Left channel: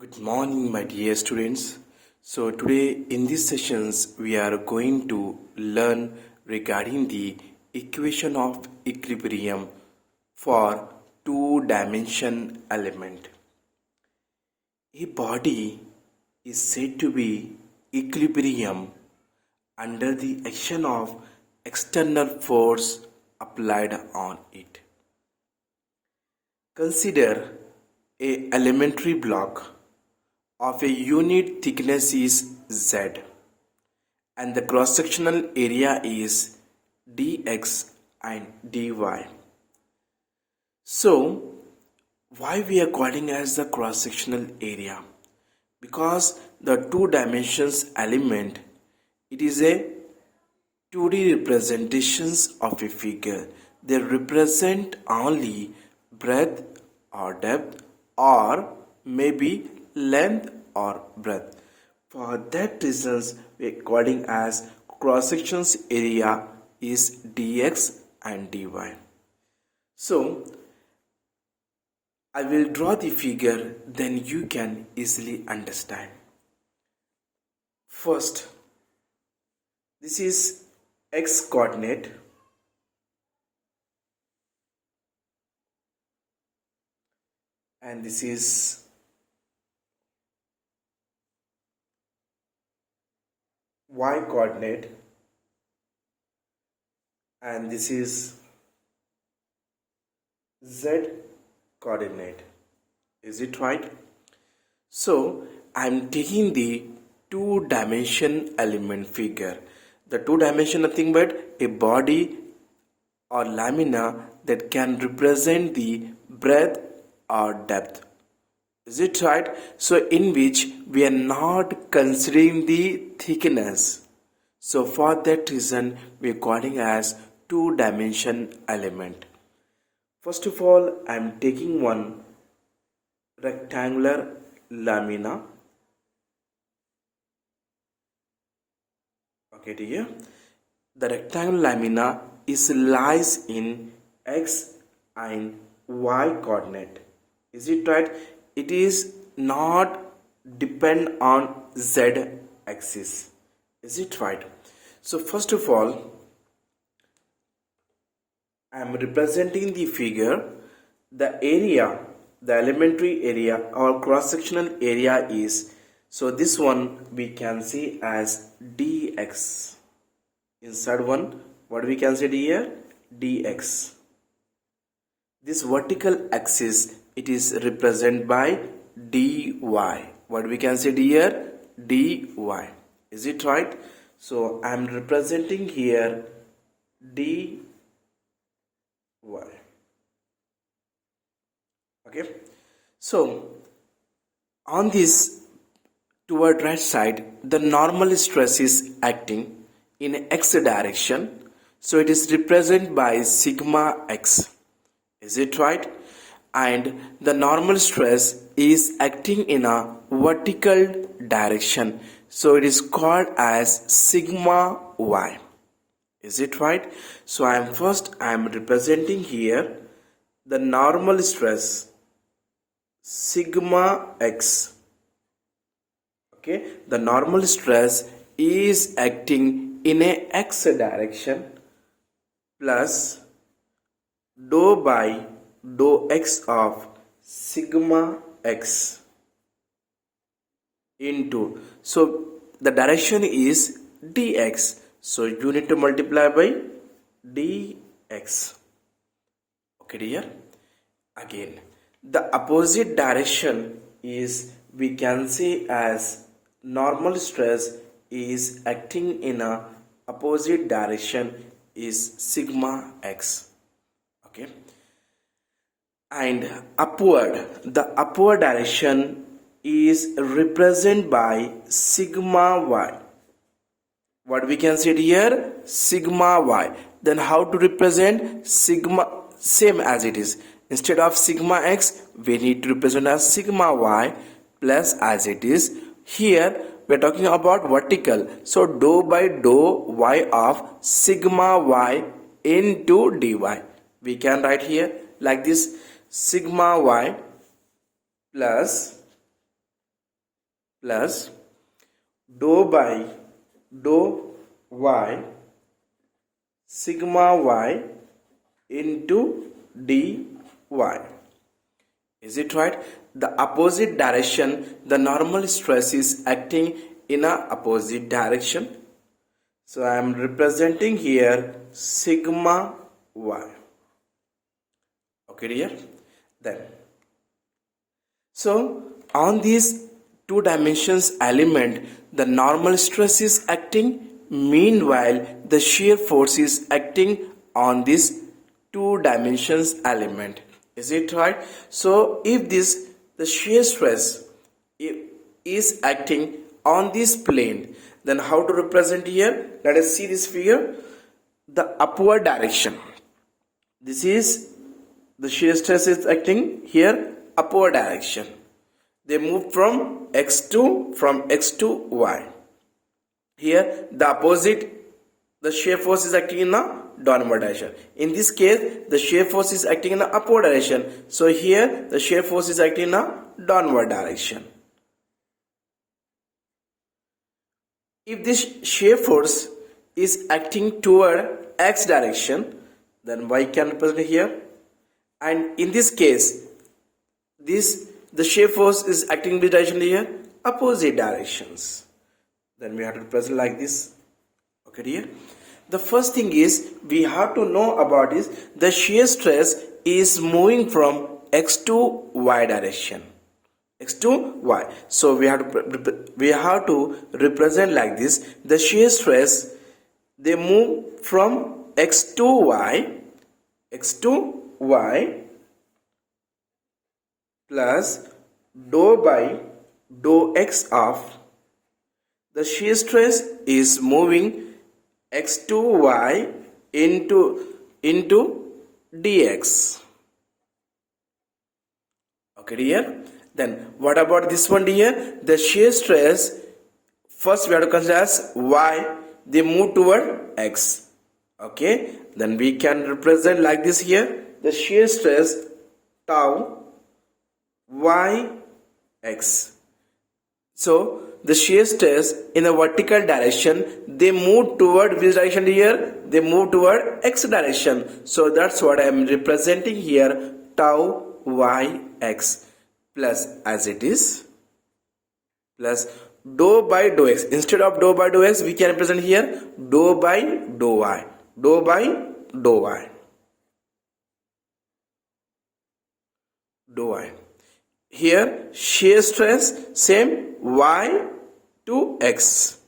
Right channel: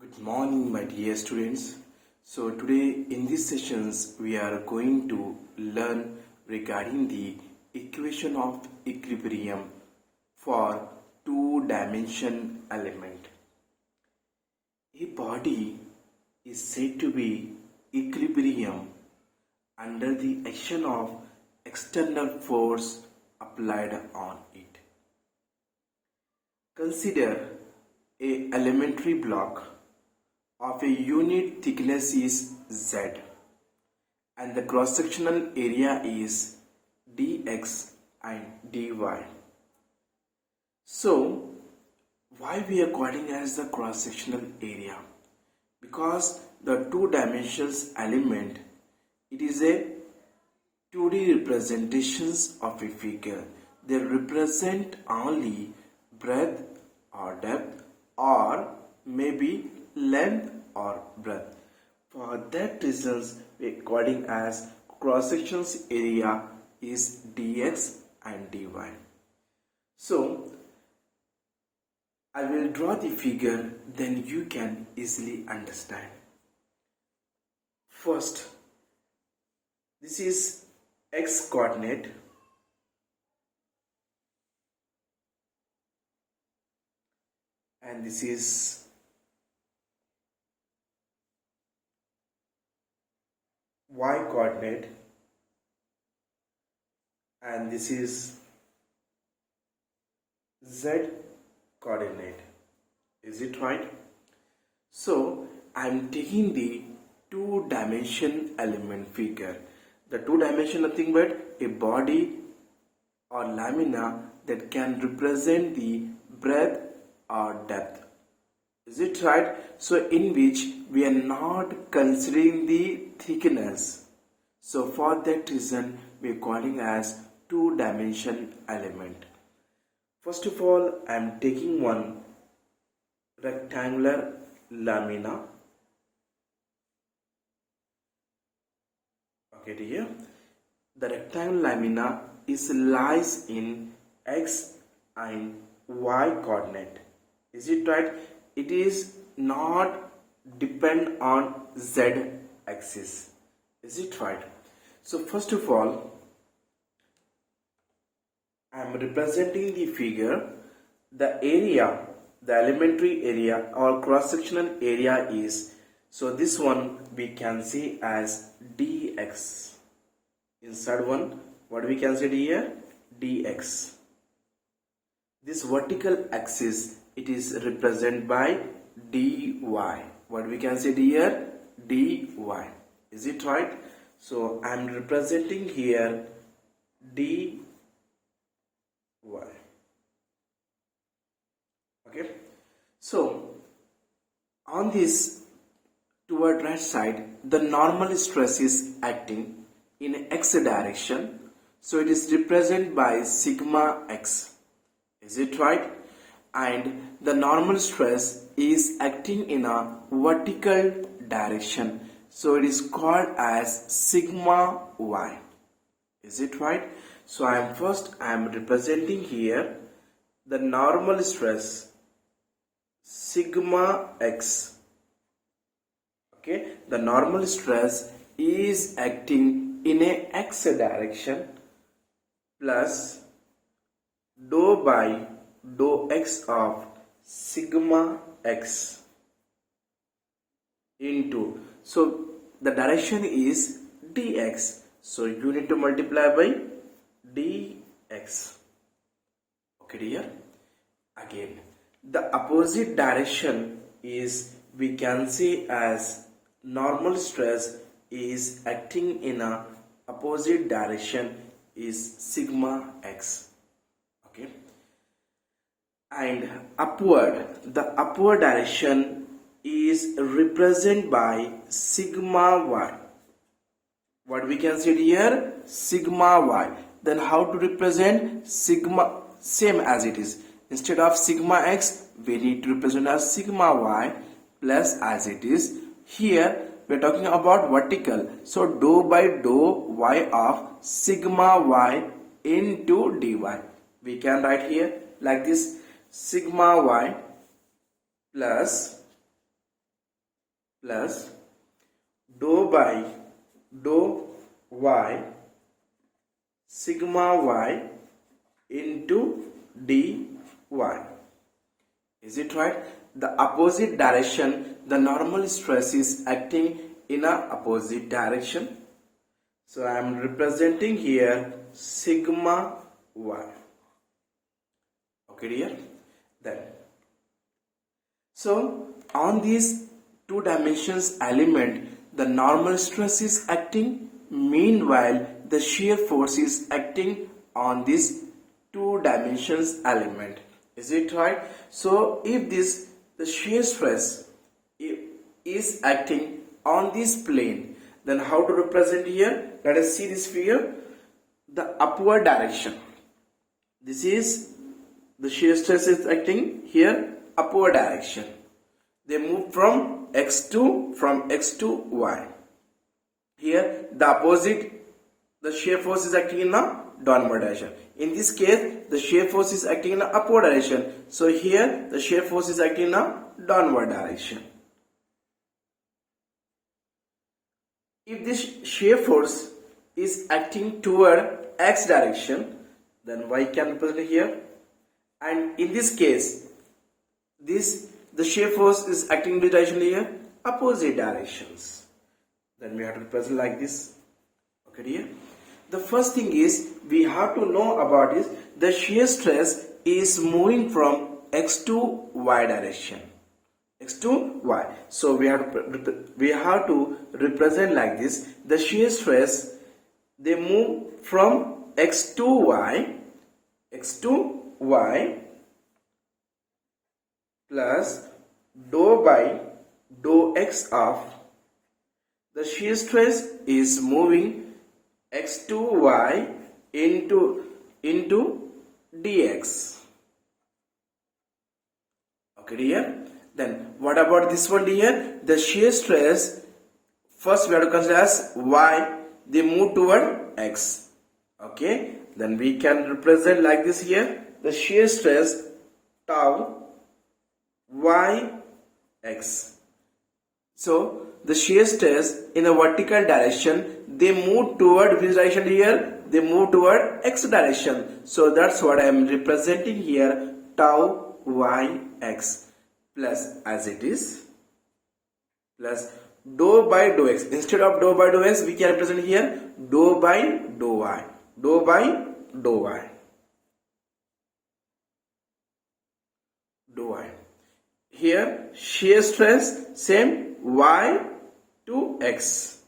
Good morning, my dear students. So today in these sessions we are going to learn regarding the equation of equilibrium for two-dimension element. A body is said to be equilibrium under the action of external force applied on it. Consider a elementary block of a unit thickness is Z and the cross-sectional area is dx and dy. So, why we are calling as the cross-sectional area? Because the two dimensions element, it is a 2D representations of a figure. They represent only breadth or depth or maybe length or breadth. For that reasons we are calling as cross sections area is dx and dy. So I will draw the figure, then you can easily understand. First, this is x coordinate and this is y coordinate and this is z coordinate. Is it right? So I am taking the two-dimension element figure. The two-dimension nothing but a body or lamina that can represent the breadth or depth. Is it right? So in which we are not considering the thickness. So for that reason we are calling as two-dimension element. First of all, I am taking one rectangular lamina. Okay, dear. The rectangular lamina is lies in x and y coordinate. Is it right? It is not depend on z axis. Is it right? So first of all, I am representing the figure. The area, the elementary area or cross-sectional area is, so this one we can see as dx. Inside one, what we can say here? Dx. This vertical axis, it is represented by dy. What we can say here? Dy. Is it right? So I am representing here dy. Okay. So on this toward right side, the normal stress is acting in x direction. So it is represented by sigma x. Is it right? And the normal stress is acting in a vertical direction. So it is called as sigma y. Is it right? So I am representing here the normal stress sigma x. Okay, the normal stress is acting in a x direction plus dou by dou x of sigma x into, so the direction is dx, so you need to multiply by dx. Okay dear. Again, the opposite direction is, we can say as normal stress is acting in a opposite direction is sigma x. Okay, and upward, the upward direction is represented by sigma y. What we can say here? Sigma y. Then how to represent sigma? Same as it is. Instead of sigma x, we need to represent as sigma y plus as it is. Here we are talking about vertical. So dou by dou y of sigma y into dy. We can write here like this: sigma y plus plus dou by dou y sigma y into dy. Is it right? The opposite direction, the normal stress is acting in a opposite direction. So I am representing here sigma y. Okay dear? Then, so on these two dimensions element, the normal stress is acting, meanwhile the shear force is acting on this two dimensions element. Is it right? So if the shear stress is acting on this plane, then how to represent here? Let us see this figure. The upward direction, this is the shear stress is acting here upward direction. They move from x to y. Here the opposite, the shear force is acting in a downward direction. In this case, the shear force is acting in a upward direction. So here the shear force is acting in a downward direction. If this shear force is acting toward x direction, then y can represent here. And in this case, the shear force is acting in the direction here, opposite directions. Then we have to represent like this. Okay dear? The first thing is we have to know about is the shear stress is moving from x to y direction. X to y. So we have to represent like this. The shear stress, they move from x to y plus dou by dou x of the shear stress is moving x to y into dx. Okay dear? Then what about this one dear? The shear stress, first we have to consider as y, they move toward x. Okay, then we can represent like this here. The shear stress tau y x. So the shear stress in a vertical direction, they move toward which direction here? They move toward x direction. So that's what I am representing here, tau y x plus as it is plus dou by dou x. Instead of dou by dou x, we can represent here dou by dou y. Dou by dou y. Dou y. Here shear stress same y to x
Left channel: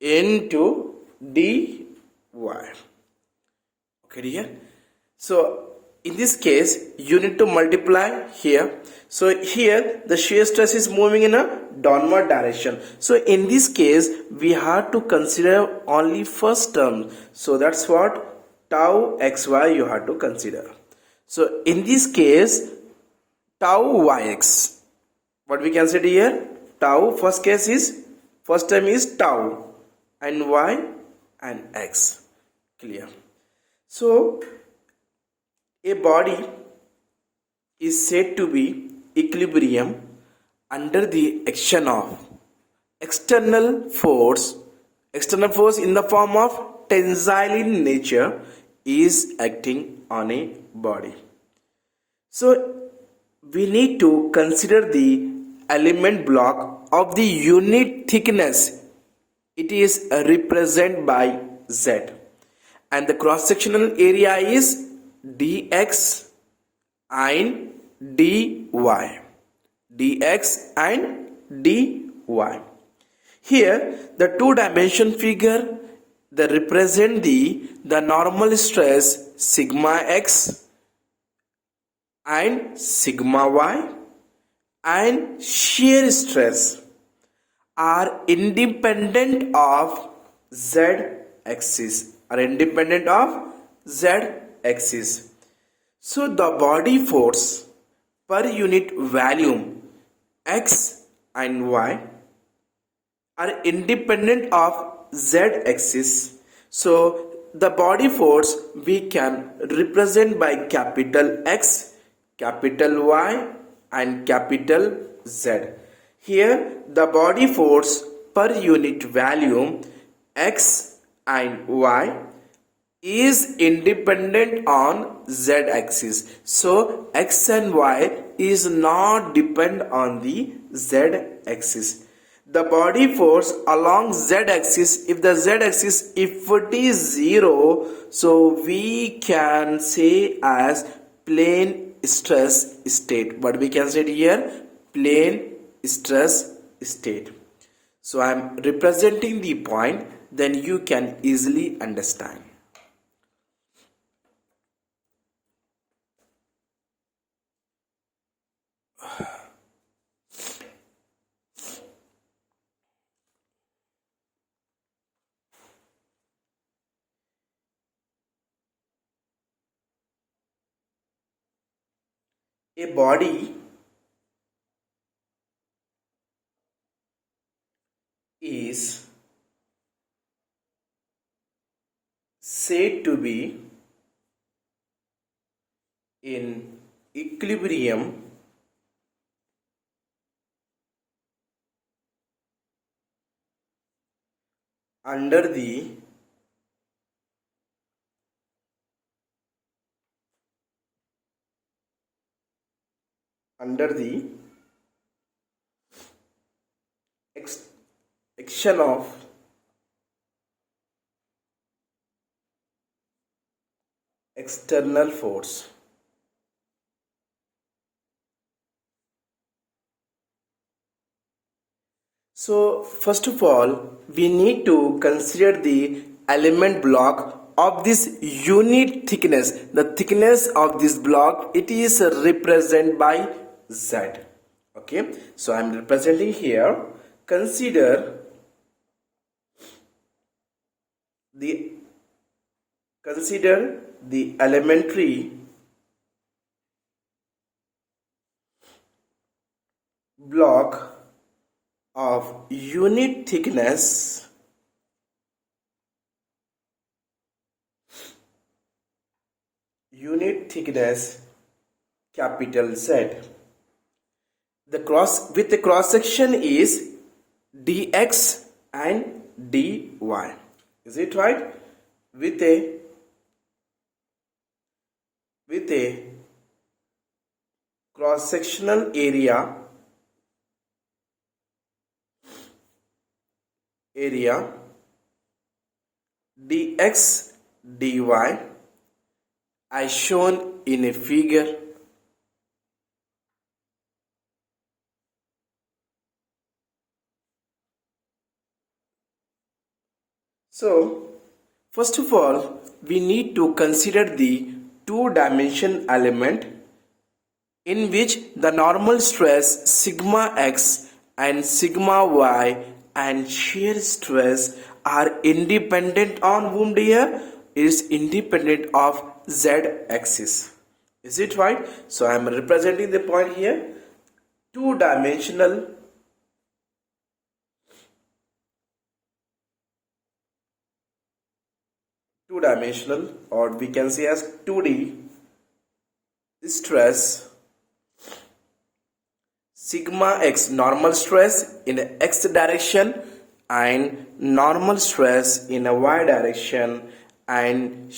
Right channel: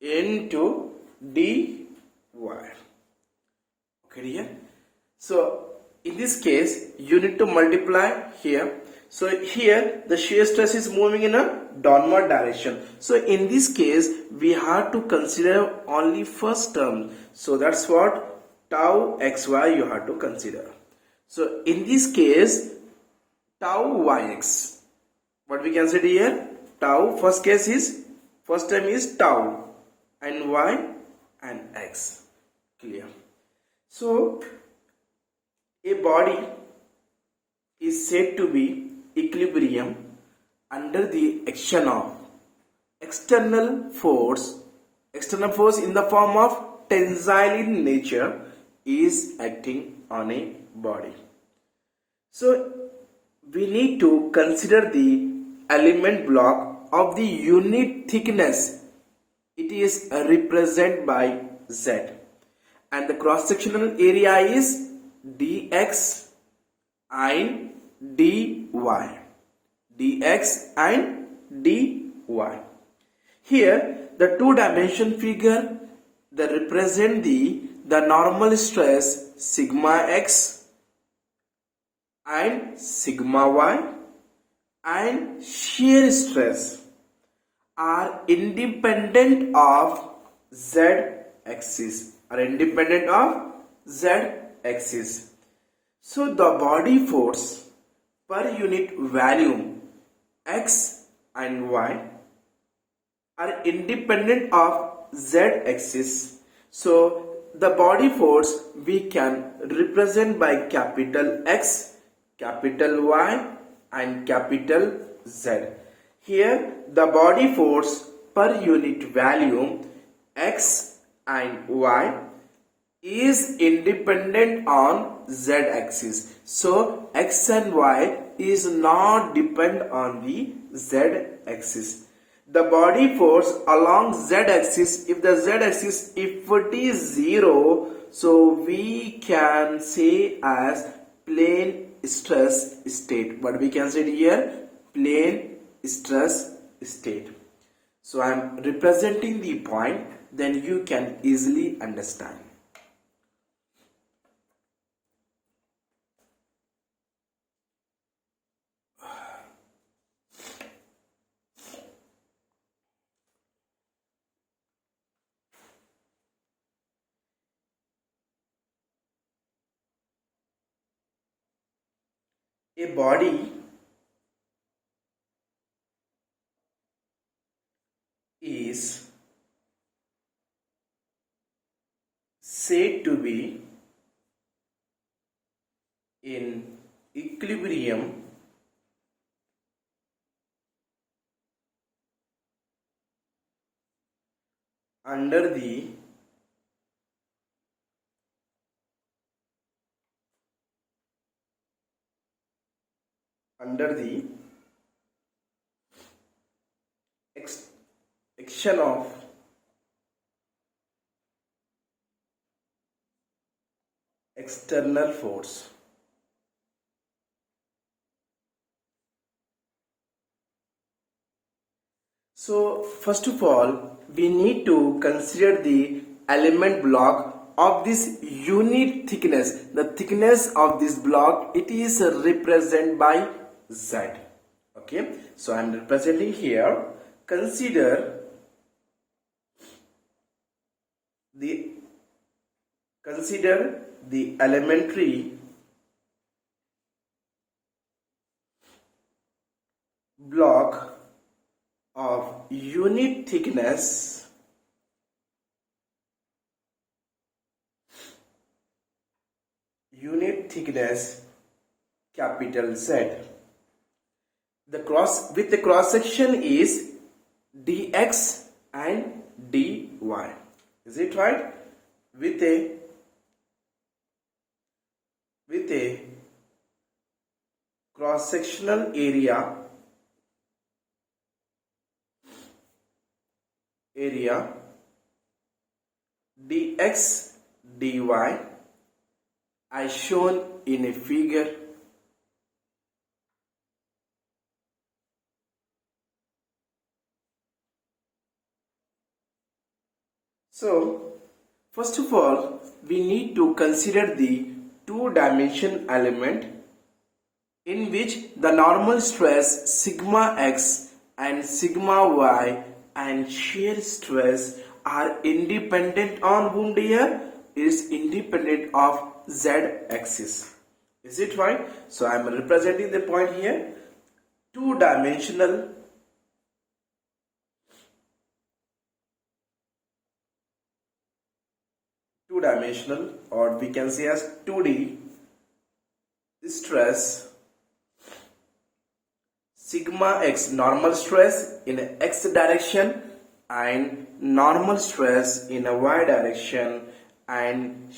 into dy. Okay dear? So in this case you need to multiply here. So here the shear stress is moving in a downward direction. So in this case we have to consider only first term. So that's what tau xy you have to consider. So in this case tau yx, what we can say here? Tau, first term is tau and y and x. Clear? So a body is said to be equilibrium under the action of external force in the form of tensile in nature is acting on a body. So we need to consider the element block of the unit thickness. It is represented by Z and the cross sectional area is dx and dy. Here the two dimension figure, they represent the normal stress sigma x and sigma y and shear stress are independent of z axis. So the body force per unit volume x and y are independent of z axis. So the body force we can represent by capital X, capital Y and capital Z. Here the body force per unit volume x and y is independent on z axis. So x and y is not depend on the z axis. The body force along z axis, if the z axis if it is 0, so we can say as plane stress state. But we can say it here plane stress state. So I am representing the point, then you can easily understand. A body is said to be in equilibrium under the action of external force. So first of all, we need to consider the element block of this unit thickness. The thickness of this block, it is represented by Z. Okay, so I am representing here. Consider the elementary block of unit thickness capital Z. The cross section is dx and dy. Is it right? With a cross sectional area dx dy as shown in a figure. So first of all, we need to consider the two-dimension element in which the normal stress sigma x and sigma y and shear stress are independent on whom, dear? Is independent of z axis. Is it right? So I am representing the point here. Two-dimensional or we can say as 2D stress, sigma x normal stress in x direction and normal stress in a y direction and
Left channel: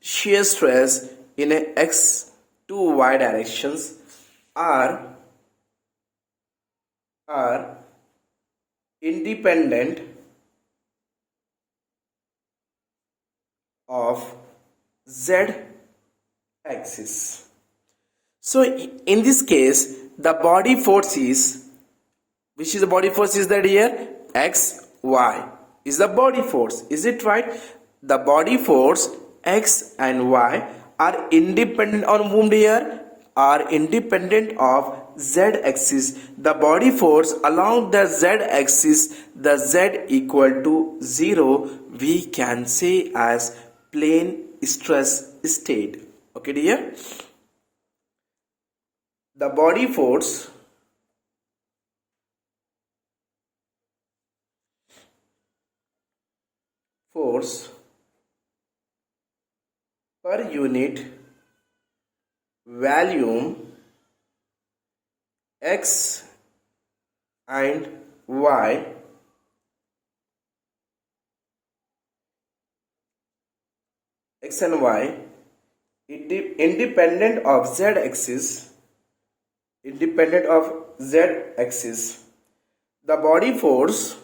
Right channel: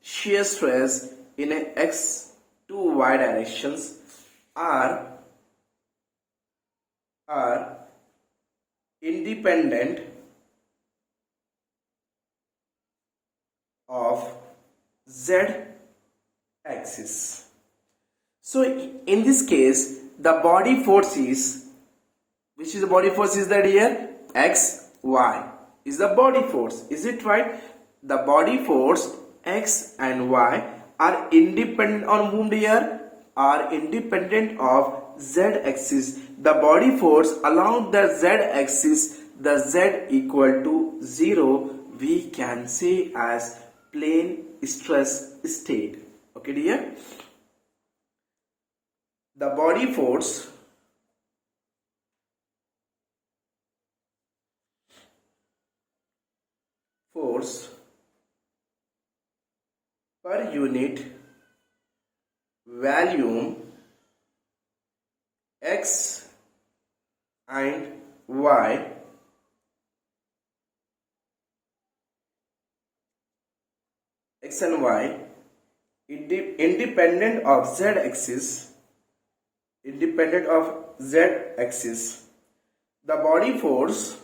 shear stress in a x to y directions are independent of z axis. So in this case, the body force is, which is the body force is that here? X, Y is the body force. Is it right? The body force X and Y are independent on whom, dear? Are independent of Z axis. The body force along the Z axis, the Z equal to 0, we can say as plane stress state. Okay, dear? The body force per unit volume x and y x and y independent of z axis, the body force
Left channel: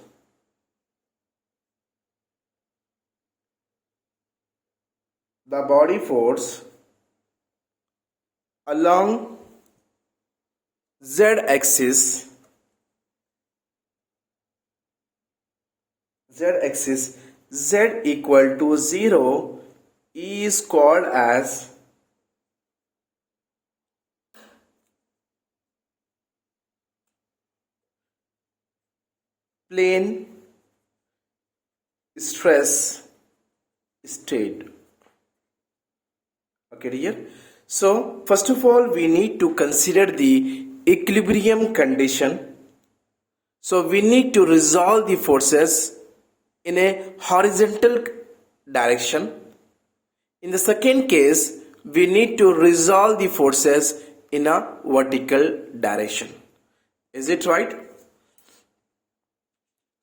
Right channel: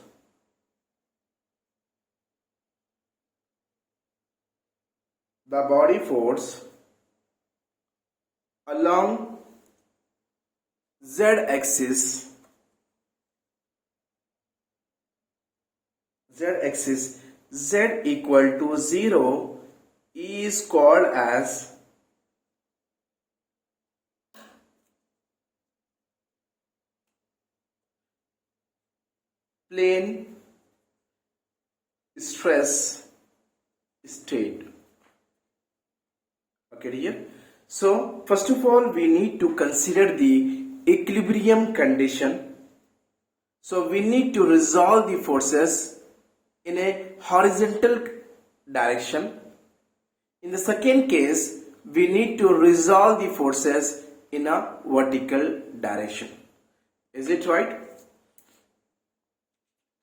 along z axis z equal to 0 is called as plane stress state. Okay dear, so first of all we need to consider the equilibrium condition. So we need to resolve the forces in a horizontal direction. In the second case, we need to resolve the forces in a vertical direction. Is it right?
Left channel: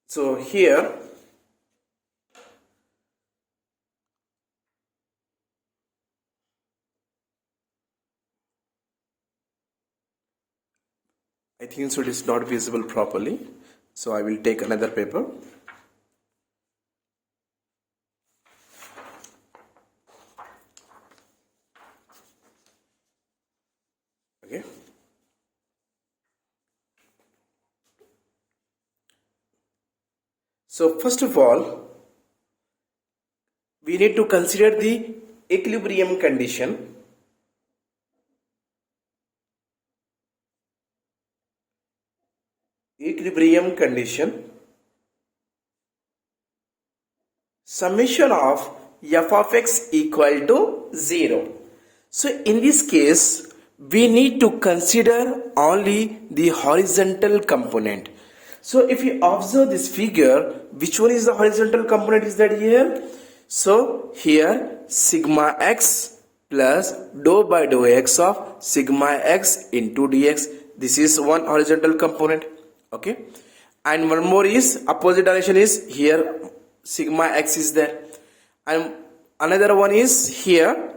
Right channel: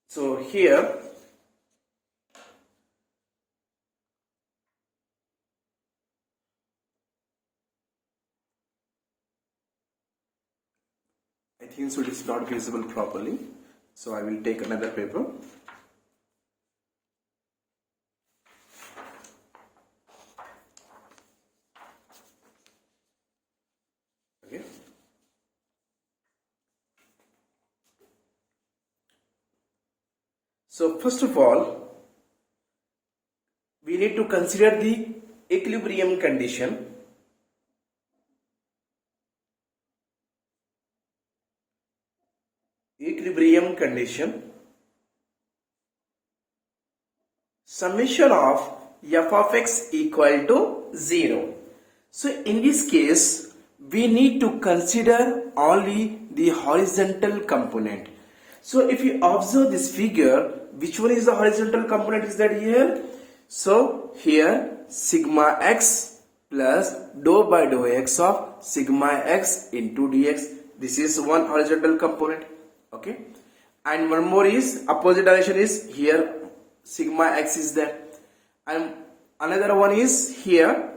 So here I think so it is not visible properly. So I will take another paper. Okay. So first of all, we need to consider the equilibrium condition. Summation of f of x equal to 0. So in this case, we need to consider only the horizontal component. So if you observe this figure, which one is the horizontal component is that here? So here sigma x plus dou by dou x of sigma x into dx. This is one horizontal component. Okay, and one more is opposite direction is here sigma x is there, and another one is here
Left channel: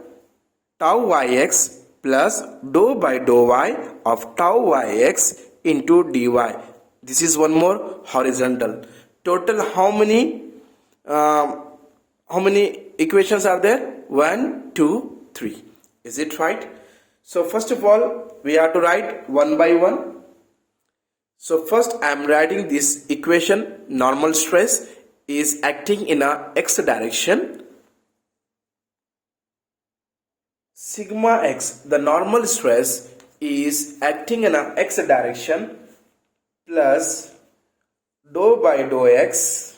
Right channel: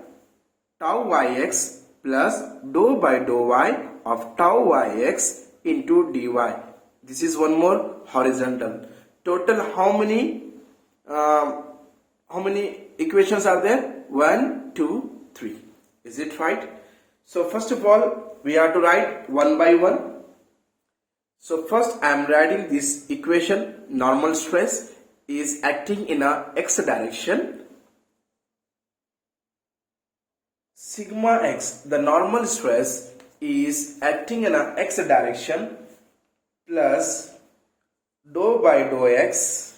tau yx plus dou by dou y of tau yx into dy. This is one more horizontal. Total how many equations are there? 1 2 3. Is it right? So first of all we have to write one by one. So first I am writing this equation. Normal stress is acting in a x direction. Sigma x, the normal stress is acting in a x direction, plus dou by dou x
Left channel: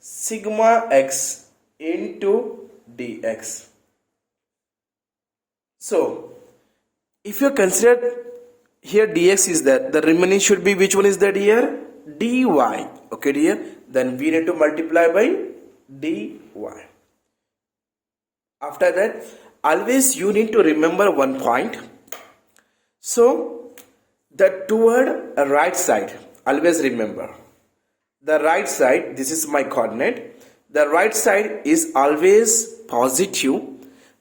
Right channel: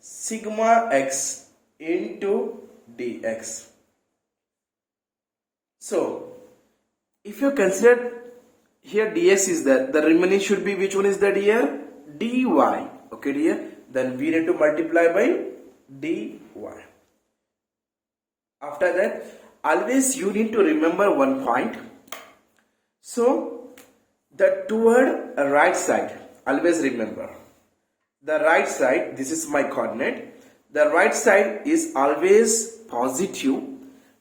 sigma x into dx. So if you consider here dx is there, the remaining should be which one is that here? Dy. Okay dear, then we need to multiply by dy. After that, always you need to remember one point. So the toward right side, always remember the right side, this is my coordinate, the right side is always positive,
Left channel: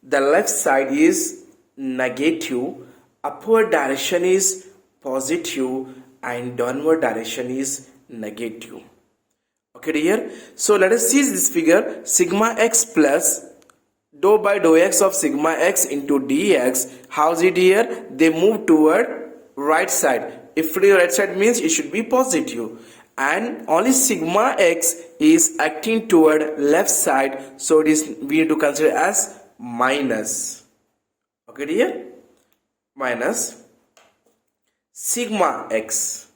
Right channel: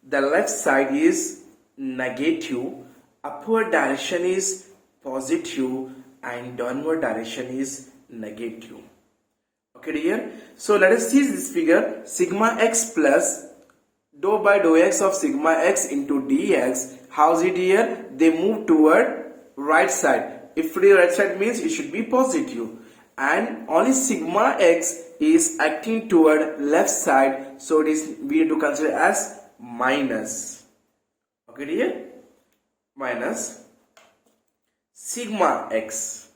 the left side is negative, upward direction is positive and downward direction is negative. Okay dear, so let us see this figure. Sigma x plus dou by dou x of sigma x into dx. How is it here? They move toward right side. If the right side means it should be positive, and only sigma x is acting toward left side, so it is we need to consider as minus. Okay dear, minus sigma x,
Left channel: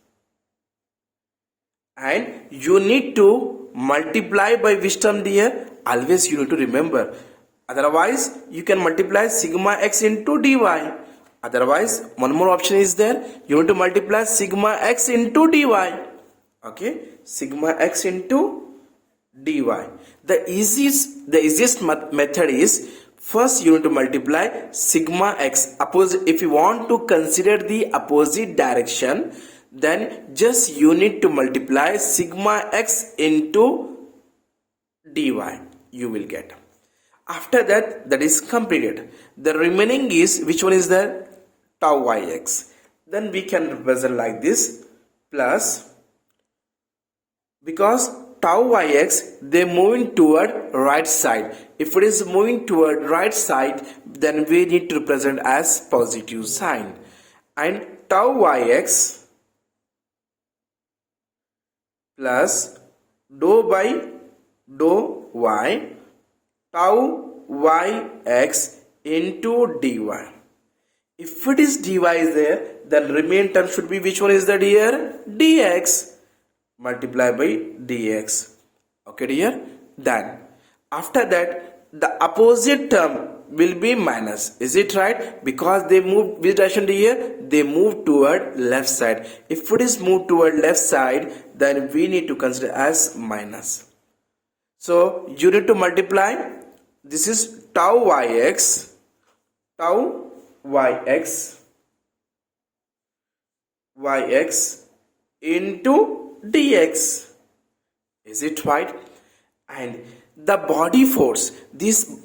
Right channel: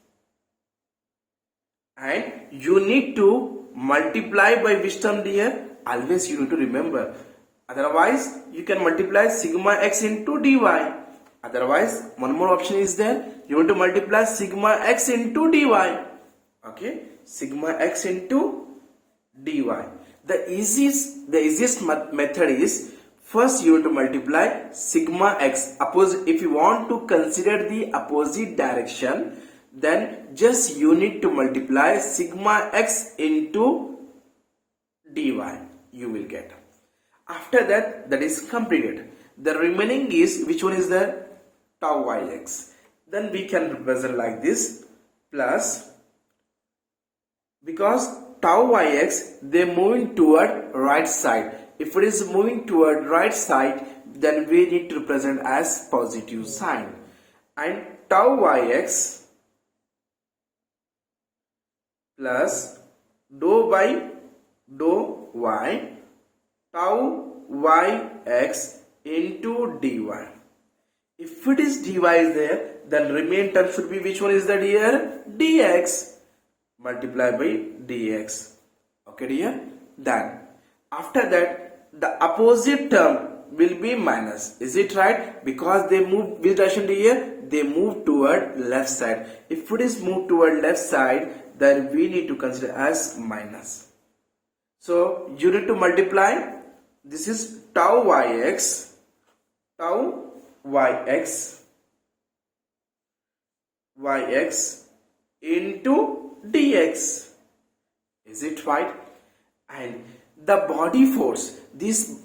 and you need to multiply by which term dear? Always you need to remember. Otherwise you can multiply sigma x into dy. Otherwise one more option is there, you need to multiply sigma x into dy. Okay, sigma x into dy. The easiest method is First you need to multiply sigma x. If you want to consider the opposite direction, then just you need to multiply sigma x into dy. You will get. After that, that is completed. The remaining is, which one is the tau yx. Then we can represent like this, plus, because tau yx, they moving toward right side. If it is moving toward right side, then we need to represent as positive sign. And tau yx plus dou by dou y, tau yx into dy. If it is dy is there, then remaining term should be, which one is that here? Dx. Multiply by dx. Okay dear. Then after that, the opposite term will be minus. Is it right? Because they move, which direction here? They move toward left side. If it is moved toward left side, then we need to consider as minus. So you need to multiply. This is tau yx into dx. Is it right? And the body force, this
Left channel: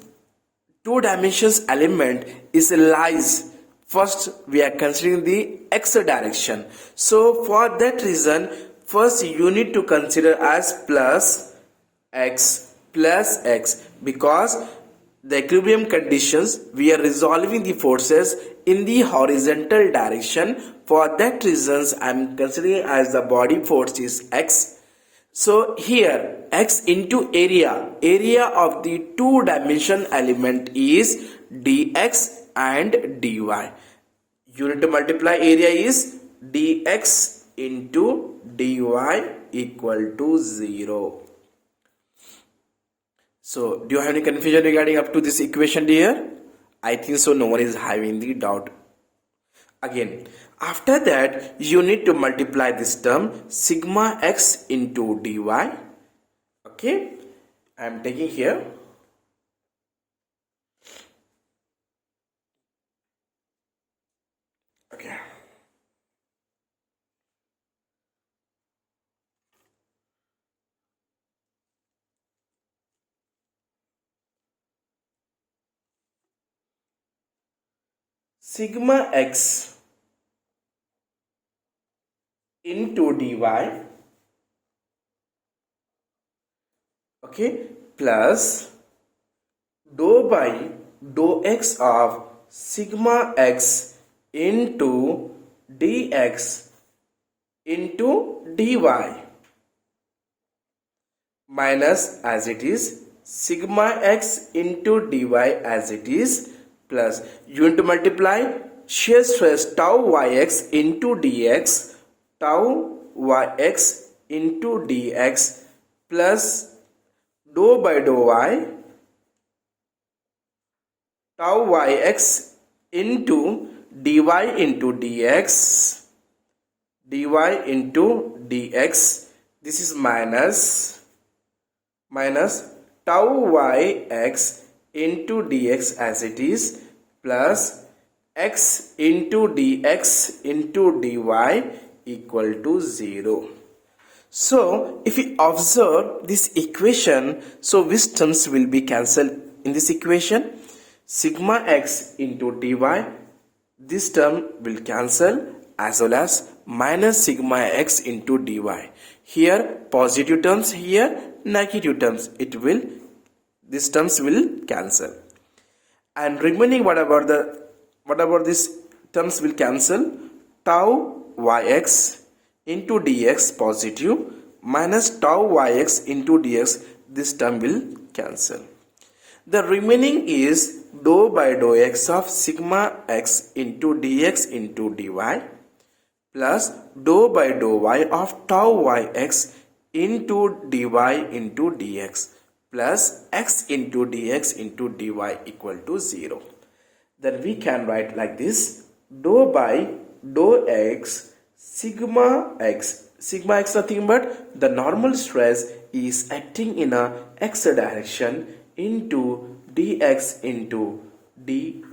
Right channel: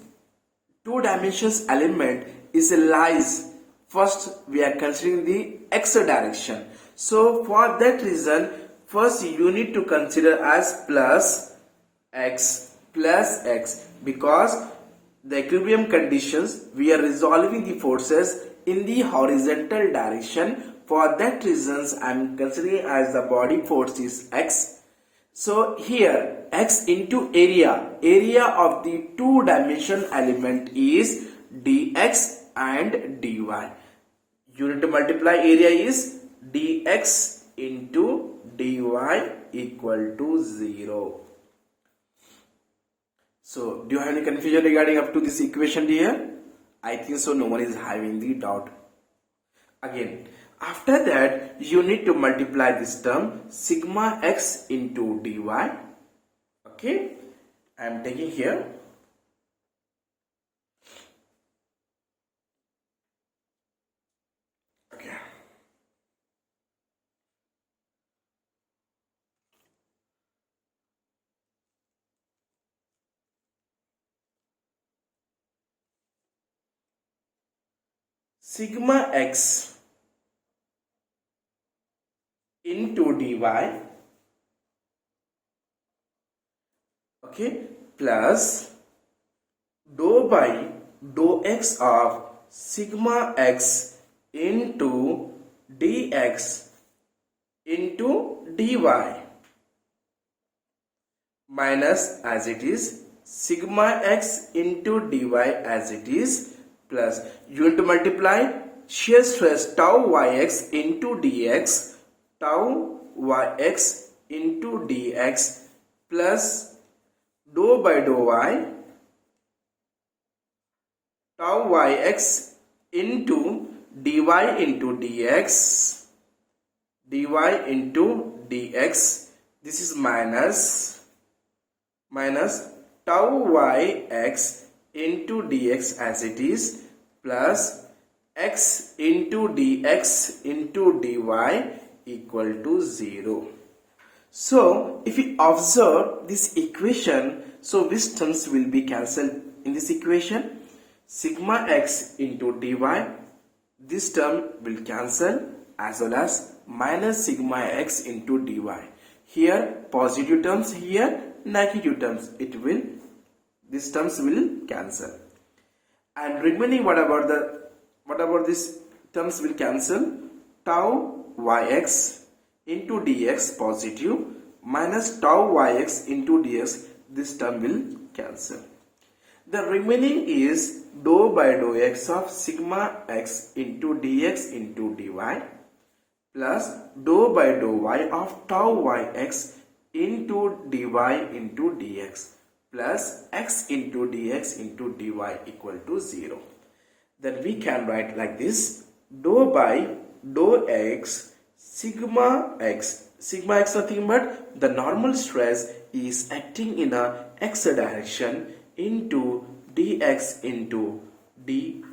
two dimensions element is lies. First we are considering the x direction. So for that reason, first you need to consider as plus x, because the equilibrium conditions, we are resolving the forces in the horizontal direction. For that reasons, I am considering as the body force is x. So here x into area of the two dimension element is dx and dy. You need to multiply area is dx into dy equal to 0. So, do you have any confusion regarding up to this equation here? I think so, no one is having the doubt. Again, after that, you need to multiply this term sigma x into dy. Okay, I am taking here. Okay. Sigma x into dy, okay, plus dou by dou x of sigma x into dx into dy minus, as it is, sigma x into dy as it is, plus you need to multiply shear stress tau yx into dx, tau yx into dx plus dou by dou y, tau yx into dy into dx, dy into dx. This is minus tau yx into dx as it is, plus x into dx into dy equal to 0. So if we observe this equation, so which terms will be cancelled in this equation? Sigma x into dy, this term will cancel, as well as minus sigma x into dy. Here positive terms, here negative terms, these terms will cancel. And remaining, what about this terms will cancel? Tau yx into dx positive minus tau yx into dx, this term will cancel. The remaining is dou by dou x of sigma x into dx into dy plus dou by dou y of tau yx into dy into dx plus x into dx into dy equal to 0. Then we can write like this: dou by dou x sigma x. Sigma x nothing but the normal stress is acting in a x direction into dx into dy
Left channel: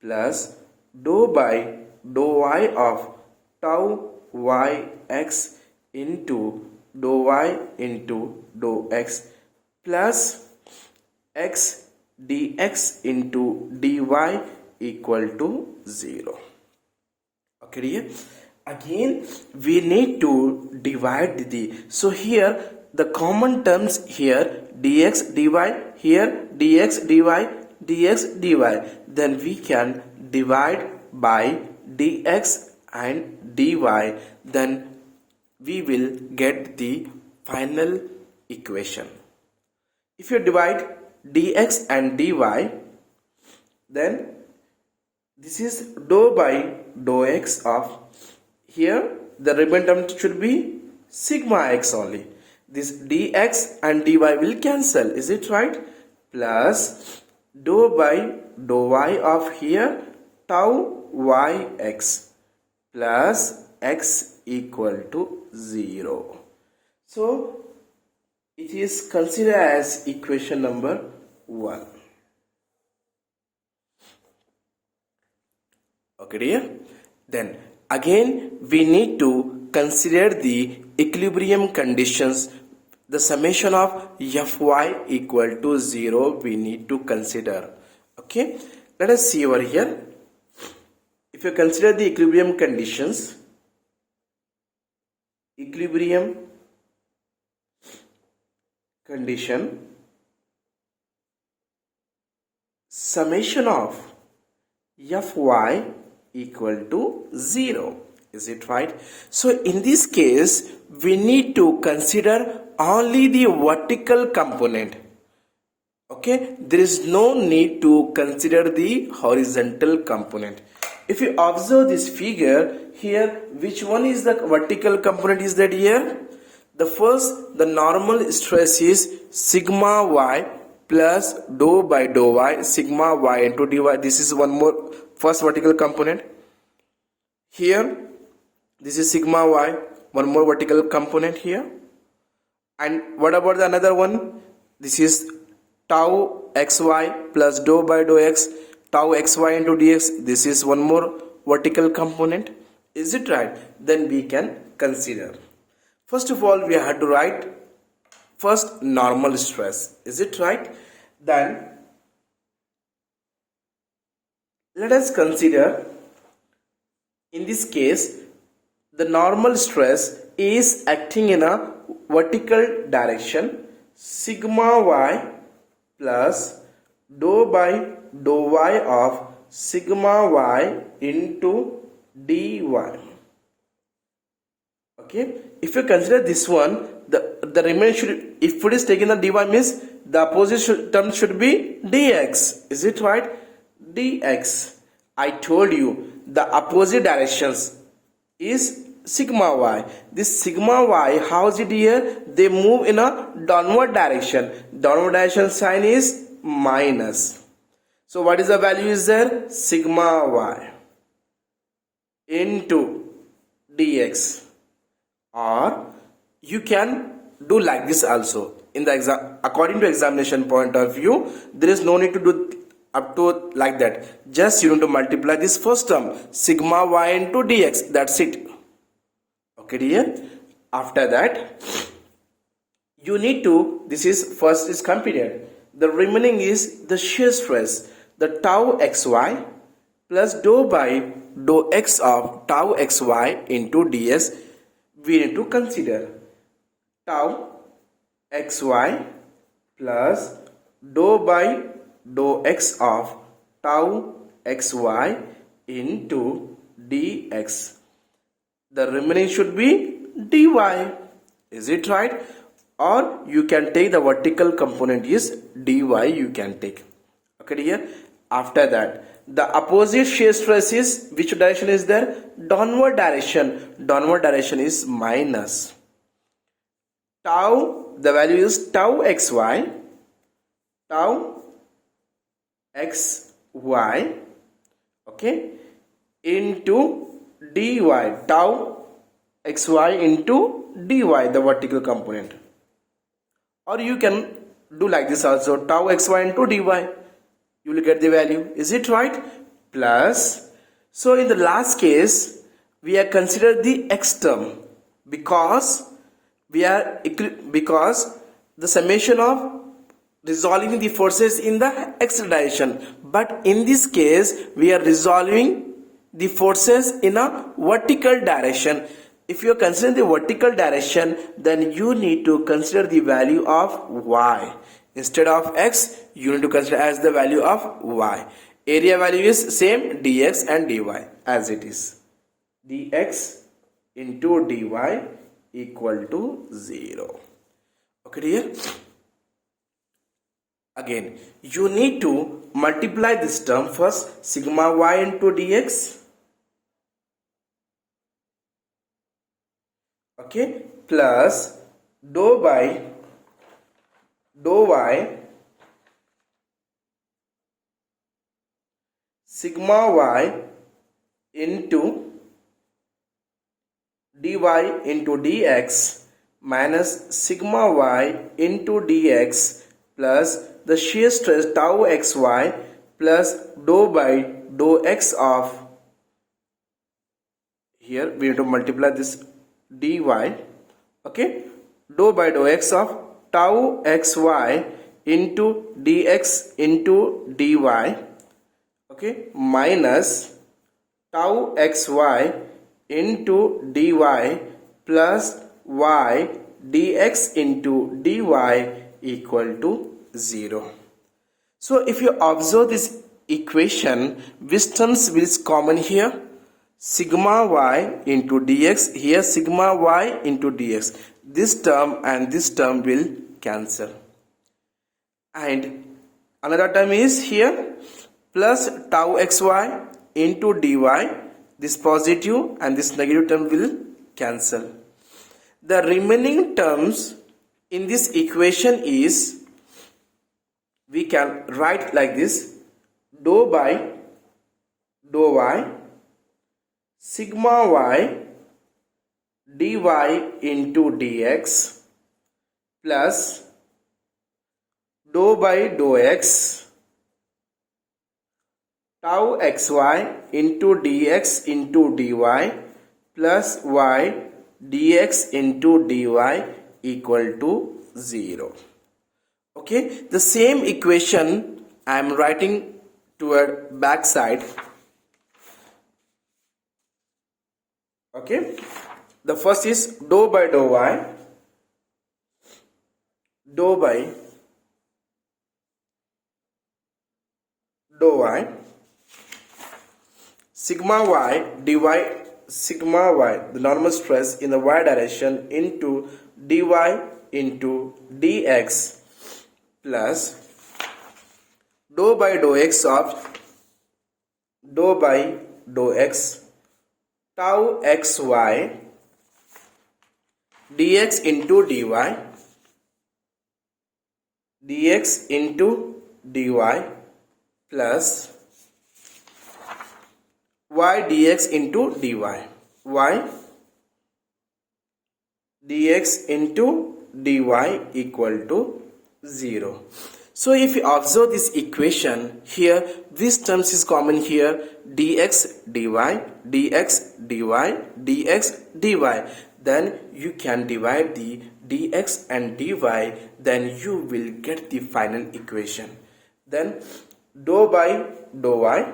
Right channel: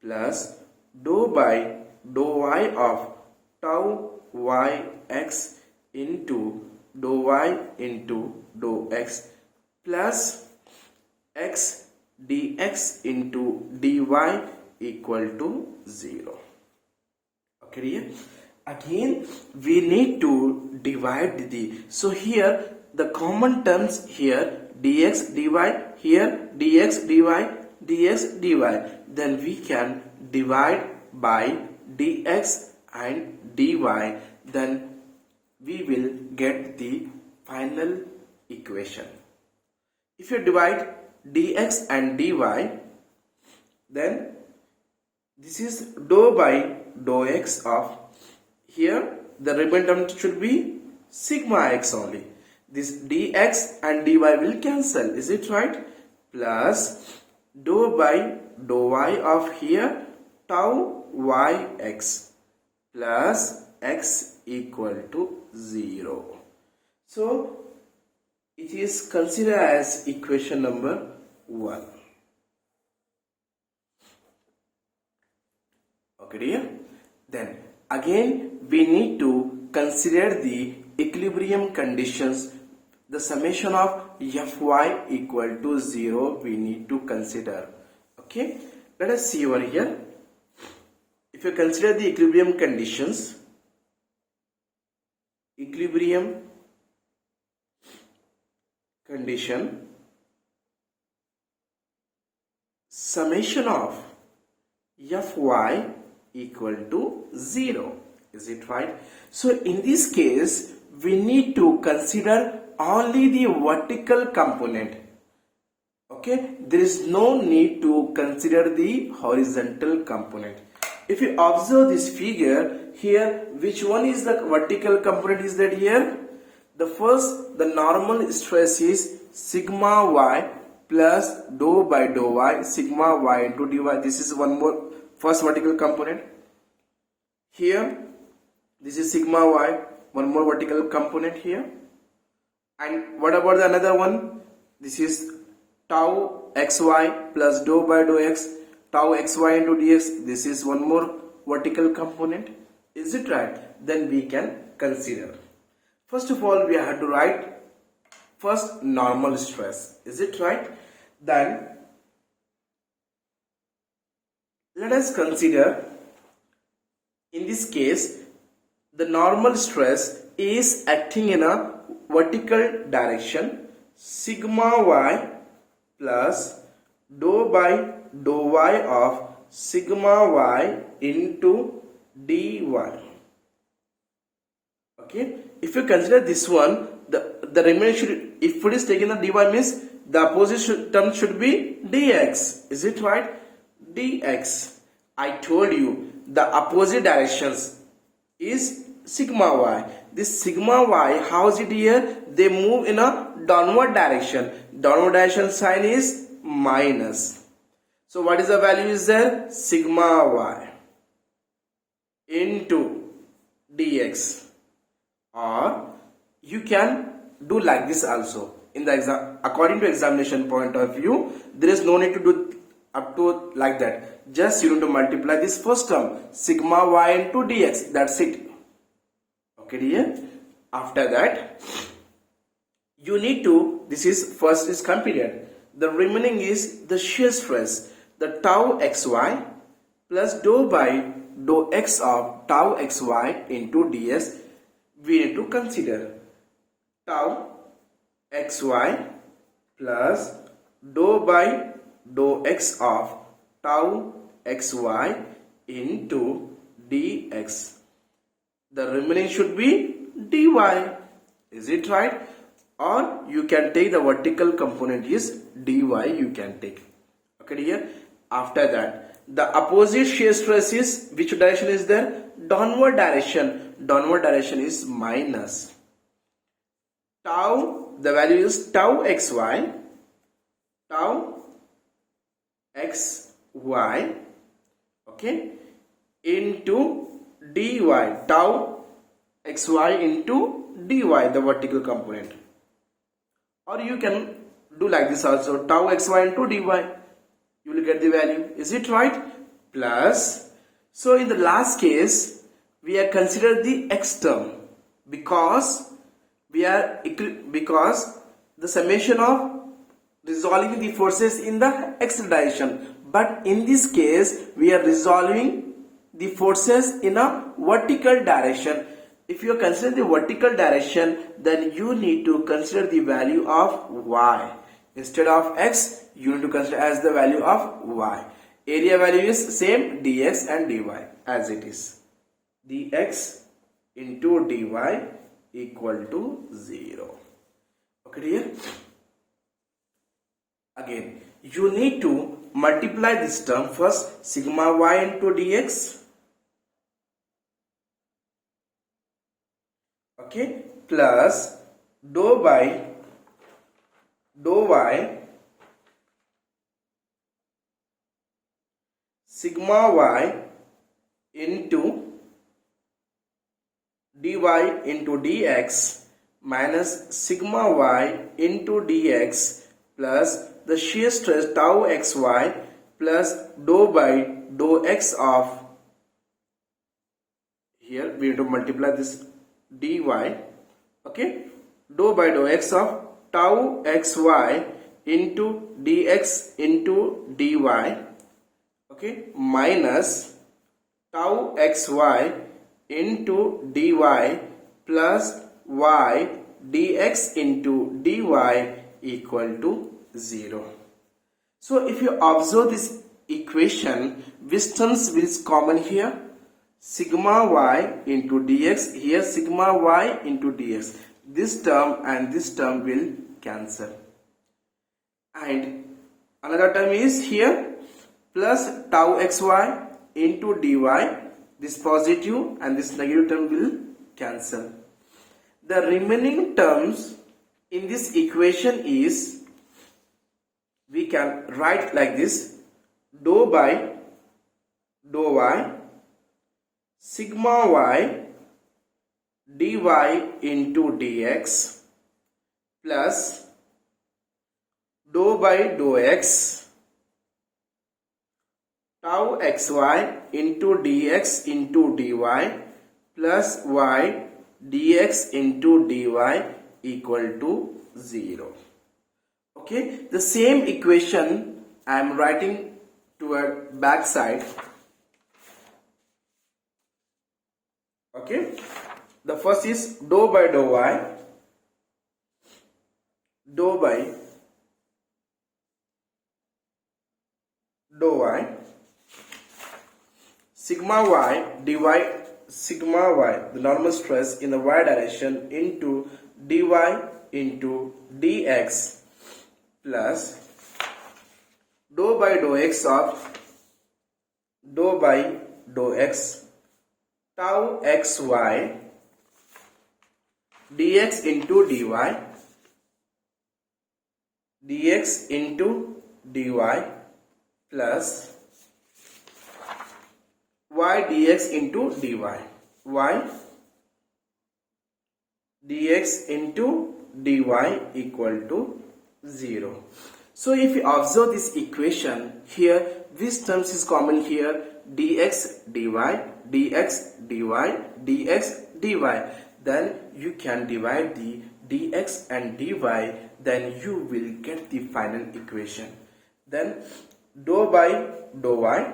plus dou by dou y of tau yx into dou y into dou x plus x dx into dy equal to 0. Okay, dear? Again we need to divide the, so here the common terms here dx dy, here dx dy, dx dy, then we can divide by dx and dy, then we will get the final equation. If you divide dx and dy, then this is dou by dou x of, here the remaining term should be sigma x only. This dx and dy will cancel, is it right? Plus dou by dou y of here tau yx plus x equal to 0. So it is considered as equation number 1. Okay, dear? Then again we need to consider the equilibrium conditions. The summation of fy equal to 0 we need to consider. Okay, let us see over here. If you consider the equilibrium conditions, equilibrium condition, summation of fy equal to 0, is it right? So in this case we need to consider only the vertical component. Okay, there is no need to consider the horizontal component. If you observe this figure here, which one is the vertical component is that here? The first, the normal stress is sigma y plus dou by dou y, sigma y into dy. This is one more first vertical component. Here this is sigma y, one more vertical component here. And what about the another one? This is tau xy plus dou by dou x, tau xy into dx. This is one more vertical component, is it right? Then we can consider. First of all we have to write first normal stress, is it right? Then let us consider, in this case the normal stress is acting in a vertical direction, sigma y plus dou by dou y of sigma y into dy. Okay, if you consider this one, the remainder should, if it is taken the dy means the opposite term should be dx, is it right? Dx, I told you the opposite directions is sigma y. This sigma y, how is it here? They move in a downward direction. Downward direction sign is minus. So what is the value is there? Sigma y into dx. Or you can do like this also. In the exam, according to examination point of view, there is no need to do up to like that. Just you need to multiply this first term, sigma y into dx, that's it. Okay, dear? After that you need to, this is first is computed, the remaining is the shear stress, the tau xy plus dou by dou x of tau xy into ds. We need to consider tau xy plus dou by dou x of tau xy into dx. The remaining should be dy, is it right? Or you can take the vertical component is dy, you can take. Okay, dear? After that the opposite shear stress is, which direction is there? Downward direction. Downward direction is minus. Tau, the value is tau xy, tau xy, okay, into dy, tau xy into dy, the vertical component. Or you can do like this also, tau xy into dy. You will get the value. Is it right? Plus, so in the last case, we are consider the x term because because the summation of resolving the forces in the x direction. But in this case, we are resolving the forces in a vertical direction. If you are considering the vertical direction, then you need to consider the value of y. Instead of x, you need to consider as the value of y. Area value is same, dx and dy as it is. Dx into dy equal to 0. Okay dear? Again, you need to multiply this term first, sigma y into dx. Okay, plus dou by dou y sigma y into dy into dx minus sigma y into dx plus the shear stress tau xy plus dou by dou x of, here we have to multiply this dy, okay, dou by dou x of tau xy into dx into dy, okay, minus tau xy into dy plus y dx into dy equal to 0. So if you observe this equation, which terms is common here? Sigma y into dx, here sigma y into dx. This term and this term will cancel. And another term is here plus tau xy into dy. This positive and this negative term will cancel. The remaining terms in this equation is, we can write like this, dou by dou y sigma y dy into dx plus dou by dou x tau xy into dx into dy plus y dx into dy equal to 0. Okay, the same equation I am writing toward back side. Okay, the first is dou by dou y, dou by dou y, sigma y dy, sigma y, the normal stress in the y direction, into dy into dx plus dou by dou x of dou by dou x tau xy dx into dy, dx into dy plus y dx into dy, y dx into dy equal to 0. So if you observe this equation here, which terms is common here? Dx dy, dx dy, dx dy. Then you can divide the dx and dy, then you will get the final equation. Then dou by dou y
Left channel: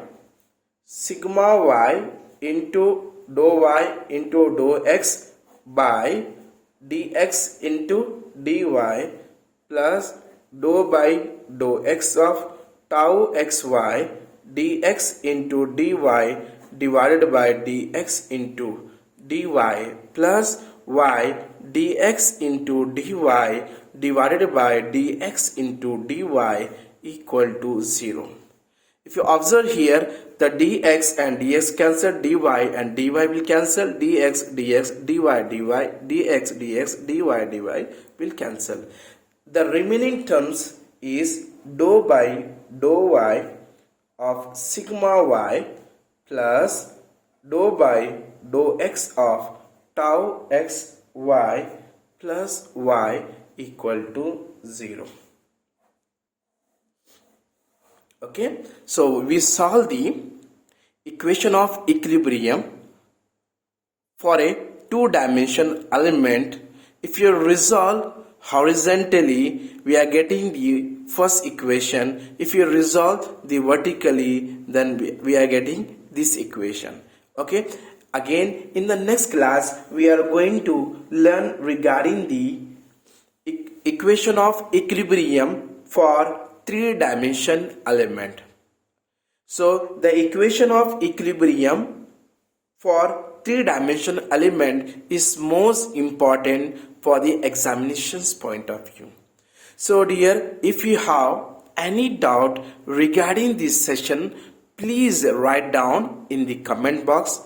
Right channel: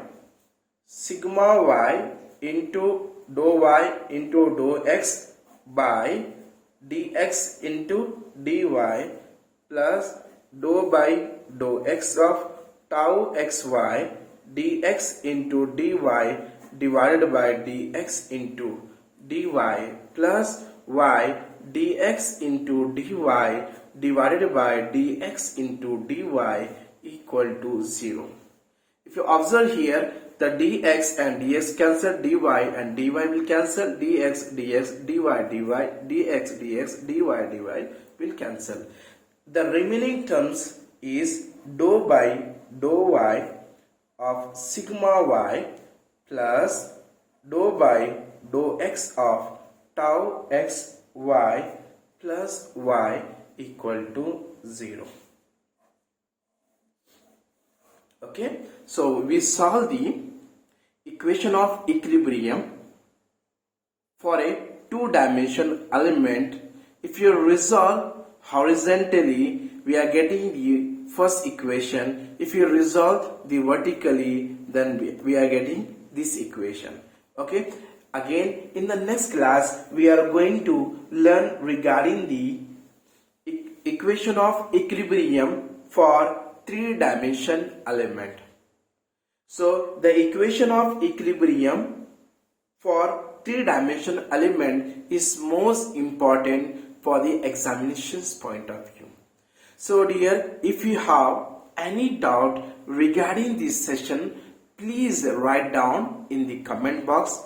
sigma y into dou y into dou x by dx into dy plus dou by dou x of tau xy dx into dy divided by dx into dy plus y dx into dy divided by dx into dy equal to 0. If you observe here, the dx and dx cancel, dy and dy will cancel, dx dx dy dx dx dy will cancel. The remaining terms is dou by dou y of sigma y plus dou by dou x of tau x y plus y equal to 0. Okay, so we solve the equation of equilibrium for a two-dimensional element. If you resolve horizontally, we are getting the first equation. If you resolve the vertically, then we are getting this equation. Okay, again in the next class we are going to learn regarding the equation of equilibrium for three-dimensional element. So the equation of equilibrium for three-dimensional element is most important for the examination's point of view. So dear, if you have any doubt regarding this session, please write down in the comment box,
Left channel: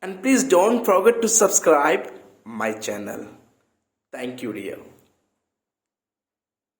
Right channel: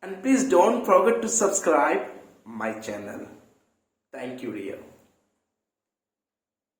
and please don't forget to subscribe my channel. Thank you dear.